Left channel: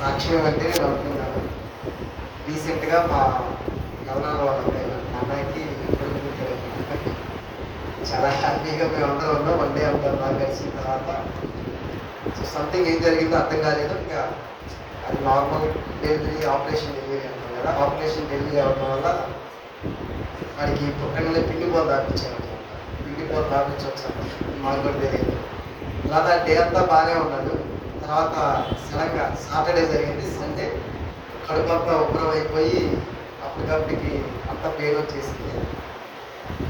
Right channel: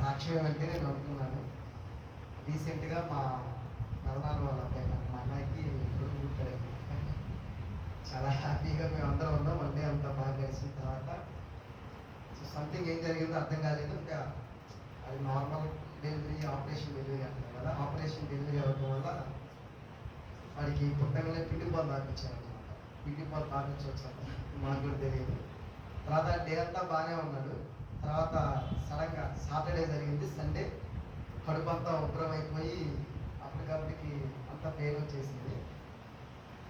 సాక్ష్యం ఏమంటే నేను అనుకున్నాను. రీసెంట్‌గా మా గవర్నర్ వాళ్ళ అబ్బాయి మా అన్నయ్యకి కొడుకు పుట్టాడనమాట. చాలా హ్యాపీగా మేమందరం ఉన్నాం. వన్ డే అంతా బాగా గడిచిన తర్వాత సంథింగ్ ఏం జరిగిందో అర్థం కాలేదు. ఇంకా అది నార్మల్ డెలివరీ, ఆపరేషన్ డెలివరీ అంటాం కదా! ఆపరేషన్ డెలివరీ అవ్వడం వల్ల వాడికి పుట్టగానే పిండి బోలు తాపించారనమాట. పిండి బోలు తాపించి వచ్చాను. మాకు కూడా తెలియదు. తర్వాత డే అంతా బాగానే ఉన్నాడు. తర్వాత సడన్గా సాటర్డే జరిగింది. సండే కడుపు అంతా ఉబ్బరం అయిపోయి అప్పటికప్పటికి అంతా పెయిన్ వచ్చేసింది.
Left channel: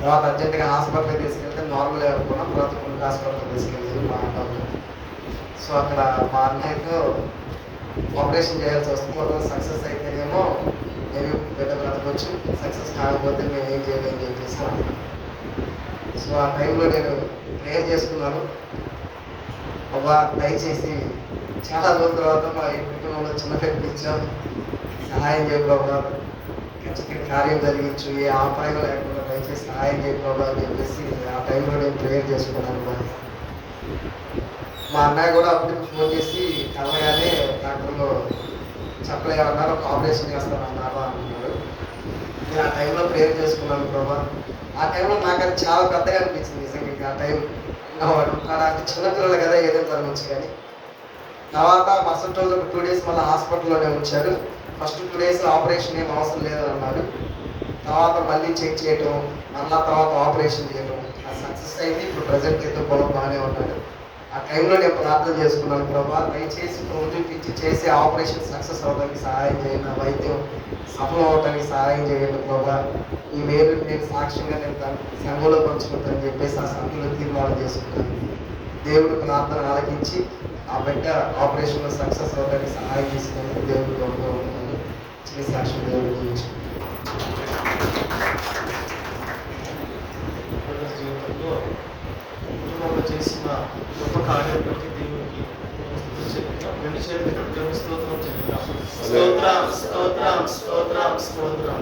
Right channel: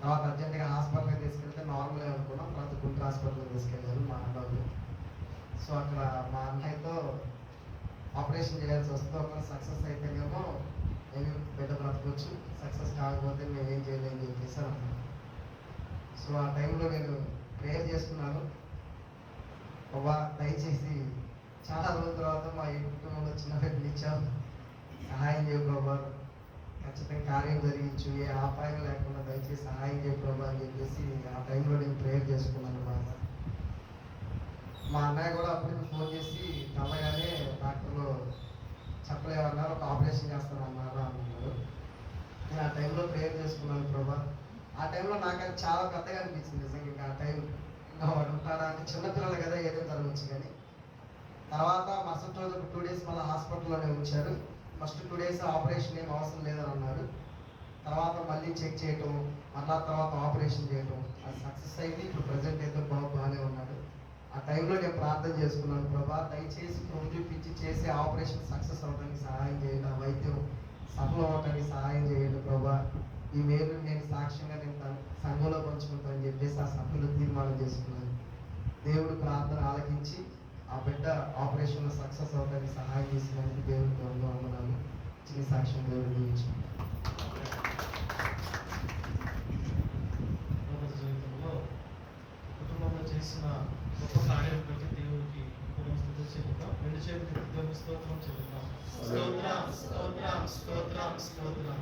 తర్వాత అర్జెంటుగా హాస్పిటల్కి తీసుకెళ్తే నార్మల్ అనుకున్నాం. తర్వాత కొన్ని హాస్పిటల్కి తీసుకెళ్ళారు మా ఆటోలో. సో అక్కడ మా అన్నయ్యతో ఆపరేషన్ చేయాల్సి వస్తుంది. ఒకవేళ సక్సెస్ అయితేనేమో మేబీ బిడ్డ బ్రతకొచ్చు, సక్సెస్ కాకపోతే మేము ఏం చేయలేని చెప్పేసి అన్నాను. సో ఆ టైంలో నేను ప్రేయర్ చేసుకున్నాను. అవ్వా దయచేసి చాలా రోజుల తర్వాత మా ఈ కుటుంబంలో చిన్న పెట్టి ఇచ్చాం, సహాయం చేయ బాబా, ఖచ్చితంగా కార్యం జరిగించు, ఏ ఆపాయం లేకుండా దయచేసి సహాయం చేయ బాబా అని చెప్పేసి ఆ టైంలో నేను ప్రేయర్ చేసుకున్నాను. మా అన్నయ్య కూడా అప్పుడు ఫోన్ చేసి కలగానే డాక్టర్లు చెప్పలేమన్నారు, ఆపరేషన్ చేస్తానన్నారా అంటున్నాడు. నేను ఆ టైంలో ప్రేయర్ చేసుకున్నాను ప్రభా. ఆ టైంలో నాకు అది చాలా పెద్దగా అనిపించింది నిజంగా. ఆ టైం వాడు అంటే చిన్నపిల్లలు కదా ఏదో జరగచ్చు కానీ. తర్వాత మరుసటి రోజు ఒక 2 days మళ్ళీ హాస్పిటల్లోనే ఉంచారు. ఫస్ట్ 2 days ఆపరేషన్ ఏం అవసరం లేదని అన్నారు. తర్వాత మళ్ళీ చెక్ చేయటం, మళ్ళీ తర్వాత ఆపరేషన్ చేయటం, అది సక్సెస్ అయింది. ఇప్పుడు ప్రజెంట్ అయితే బాగానే ఉన్నాడు. ఆ టైంలో నేను ప్రార్థన చేసుకున్నాను ప్రభా, దయచేసి చూపించి చేసే ఆపరేషన్ సక్సెస్ అవ్వడానికి సహాయం చేయండి, నా వైద్యం సఫలం అవడానికి సహాయం చేయండి ప్రభా. ఈ మేలు నేను సాక్ష్యంగా నేను సంఘంలో పంచుకుంటానని చెప్పేసి ఆ సంఘంలో తీర్మానం చేసుకుంటాను. దేవుడు ప్రార్థన ఆలకించి ఆ బిడ్డ ఆపరేషన్లో సక్సెస్ అవ్వడానికి సహాయం చేసినందుకు దేవుడు గౌరవంగా ఉంటాను. చిన్న సాక్ష్యం దేవుడి గురించి. జీవితంలో కుటుంబంలో చేసిన గొప్ప కార్యం బట్టి దేవునికి రెండు చేతులు స్తోత్రం చెప్తాం. స్తోత్రం స్తోత్రం స్తోత్రం స్తోత్రం.